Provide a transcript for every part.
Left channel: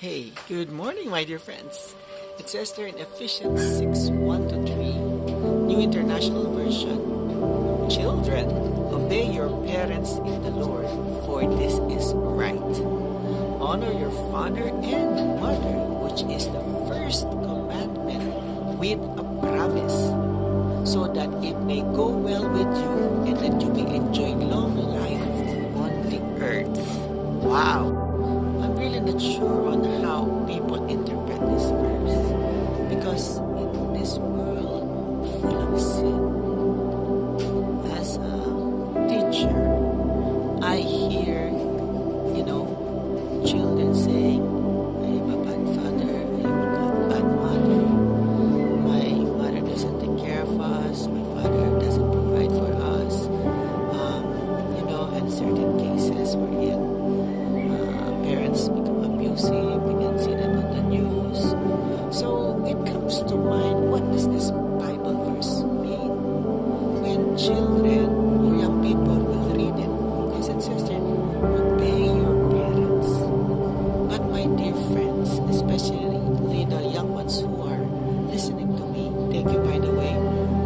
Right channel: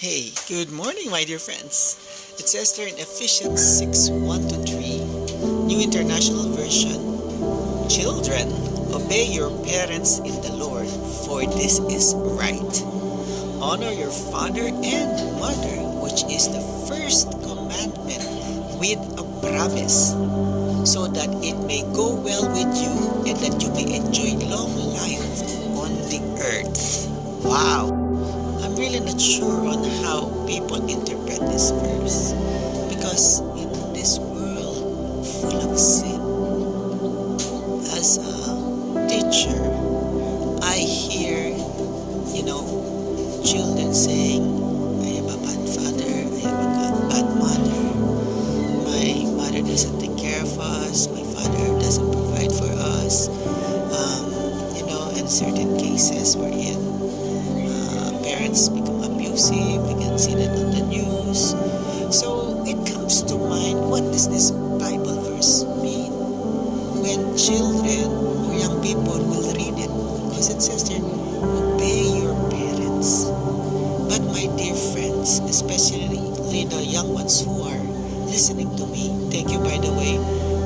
Hey, good morning, my dear friends. It says there in Ephesians 6 1 to 3, New International Version: Children, obey your parents in the Lord, for this is right. Honor your father and mother, which is the first commandment with a promise, so that it may go well with you and that you may enjoy long life on the earth. Wow! I'm really not sure on how people interpret this verse, because in this world full of sin, as a teacher, I hear, children saying, I have a bad father, I have a bad mother, my mother doesn't take care of us, my father doesn't provide for us, and certain cases we're in. Parents become abusive. We can see that on the news. So it comes to mind, what does this Bible verse mean when children or young people will read it? Because it says there, obey your parents. But my dear friends, especially the young ones who are listening to me, thank you, by the way,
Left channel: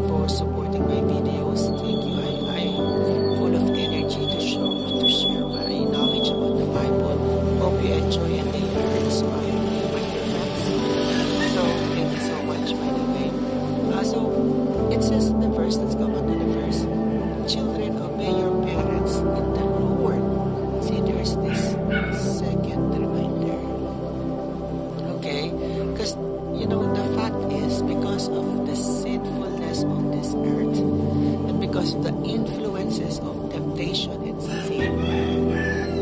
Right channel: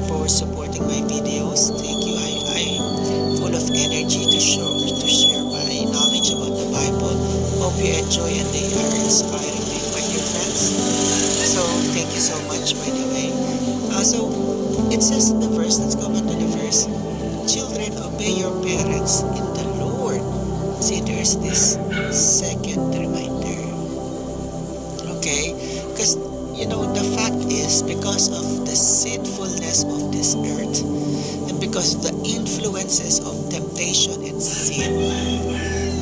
for supporting my videos. Thank you. I'm full of energy to share my knowledge about the Bible. Hope you enjoy and they are inspiring to you, my dear friends. So thank you so much, by the way. So it says in the verse, let's go back to the verse. Children, obey your parents in the Lord. See, there's this second reminder. Okay? Because, the fact is, because of the sinfulness of this earth, and because of the influences of temptation and sin,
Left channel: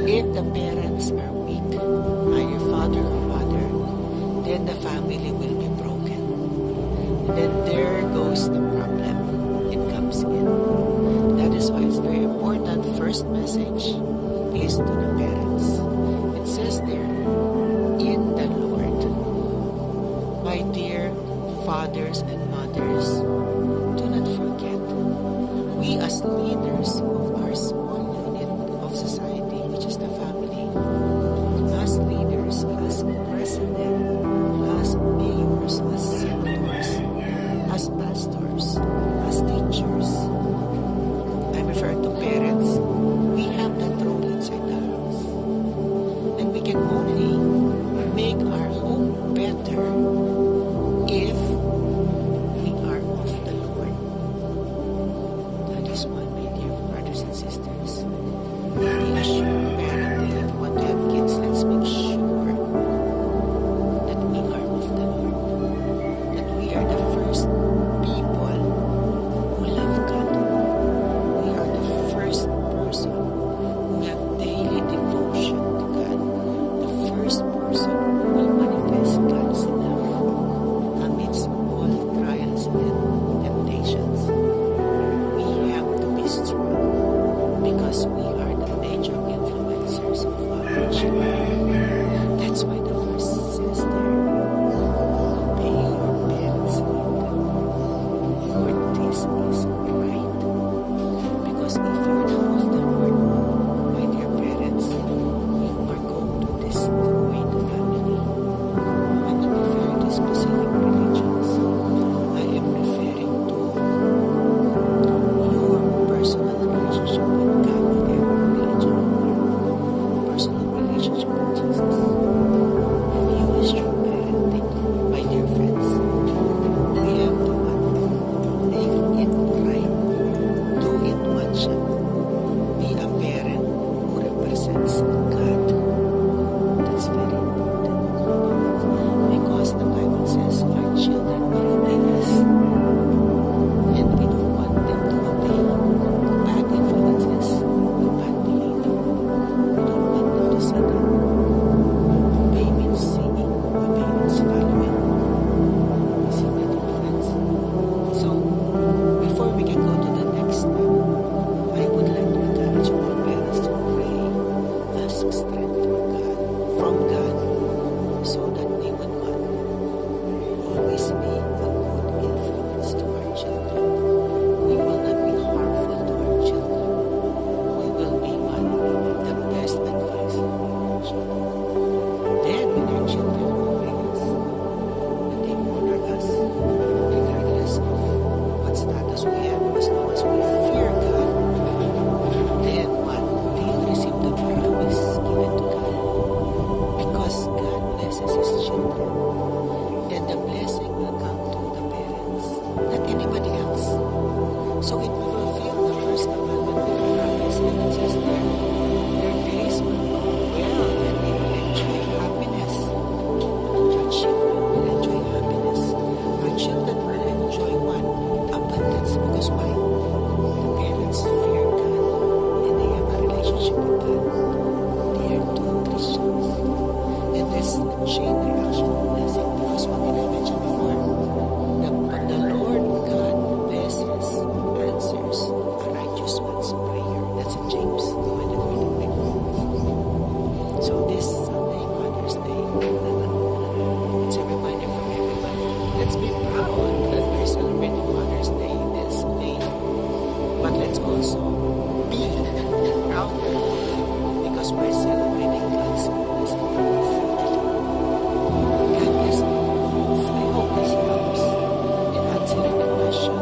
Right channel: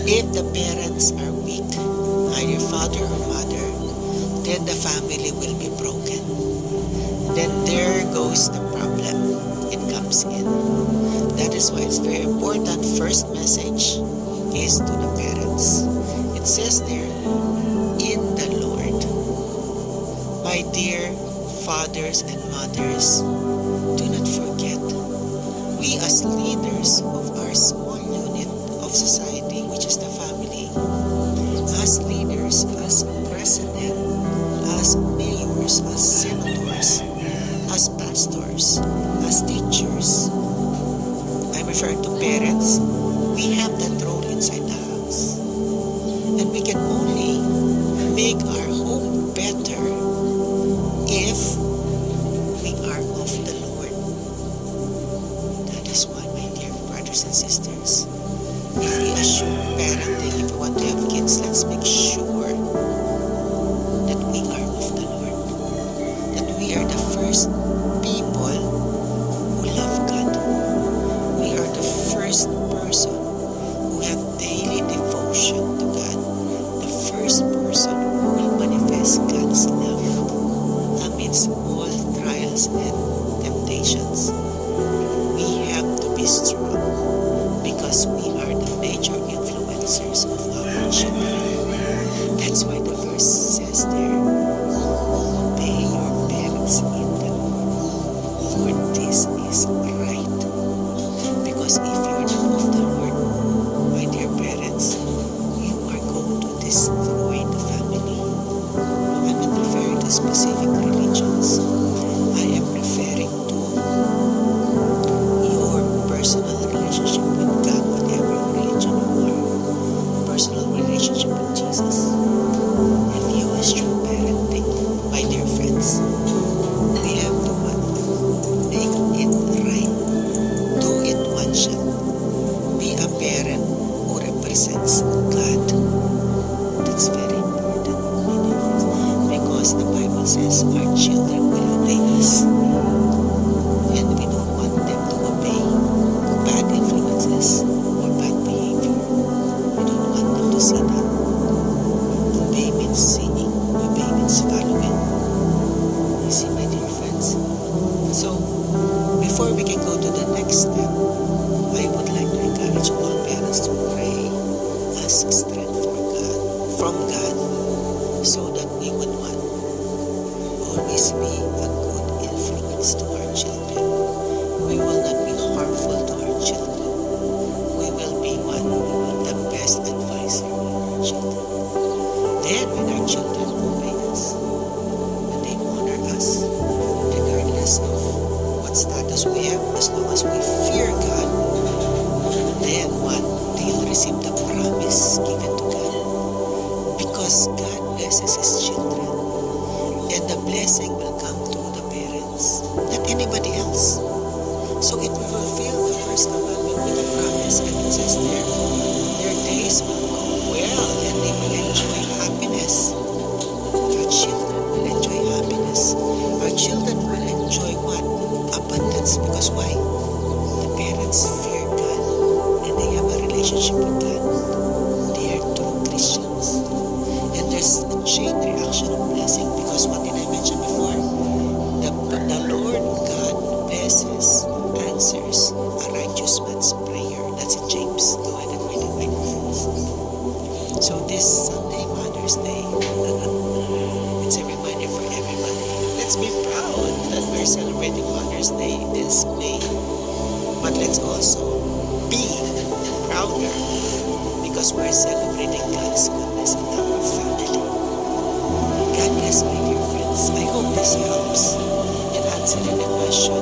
if the parents are weak, either father or mother, then the family will be broken. Then there goes the problem. It comes in. That is why it's very important. First message is to the parents. It says there, in the Lord. My dear fathers and mothers, do not forget, we as leaders of our small unit of society, which is the family, as leaders, as president, as mayors, as senators, as pastors, as teachers, I'm referring to parents, we have that role inside the house. And we can only make our home better if we are of the Lord. That is why, my dear brothers and sisters, if we assume parenting, if we want to have kids, let's make sure that we are of the Lord. That we are the first people who love God. We are the first person who have daily devotion to God. The first person who will manifest God's love amidst all trials and temptations. We have to be strong because we are the major influencers of our children. That's why the verse says there, obey your parents in the Lord, for this is right. Because if you're not of the Lord, my dear parents, you are going to destroy the family. I'm not referring to specific religions. I am referring to your personal relationship with God, whatever religion you are. Personal relationship with Jesus. If you assume parenting, my dear friends, we have to make it right. Do it one shot. Be a parent who represents God. That's very important, my dear friends, because the Bible says our children will obey us, and we don't want them to obey bad influences or bad behavior. We don't want them to see that. Obey means seeing. Obey means following. You see, my dear friends? So, before we can go to the next step, I would like to encourage all parents to pray, ask strength from God, so that we would always be a good influence to our children. We will not be harmful to our children. We will be the best advisor for our children. Then, when their children obey us, when they honor us, regardless of what status we have, as long as we fear God, then what? They'll receive the promise given to God. Because God blesses His children. And the blessing will come through the parents, not anybody else. So it will fulfill the first commandment with a promise, and it says there, their days will go well and they will enjoy happiness. Our children will enjoy happiness. Our children will enjoy what? Abundance. Because why? The parents fear God and they have a relationship with God. They are true Christians. And there's a chain reaction of blessing, because what did I mention before? The Lord God blesses, answers a righteous man's prayer. That's in James. Go ahead and read it, my friends. So this Sunday, Mother's Day, it's a reminder for everybody. Let's be proud that we're celebrating Mother's Day this May. But let's also be prouder because we're celebrating God's goodness in our family. God bless, my dear friends. I hope this helps in answering the question,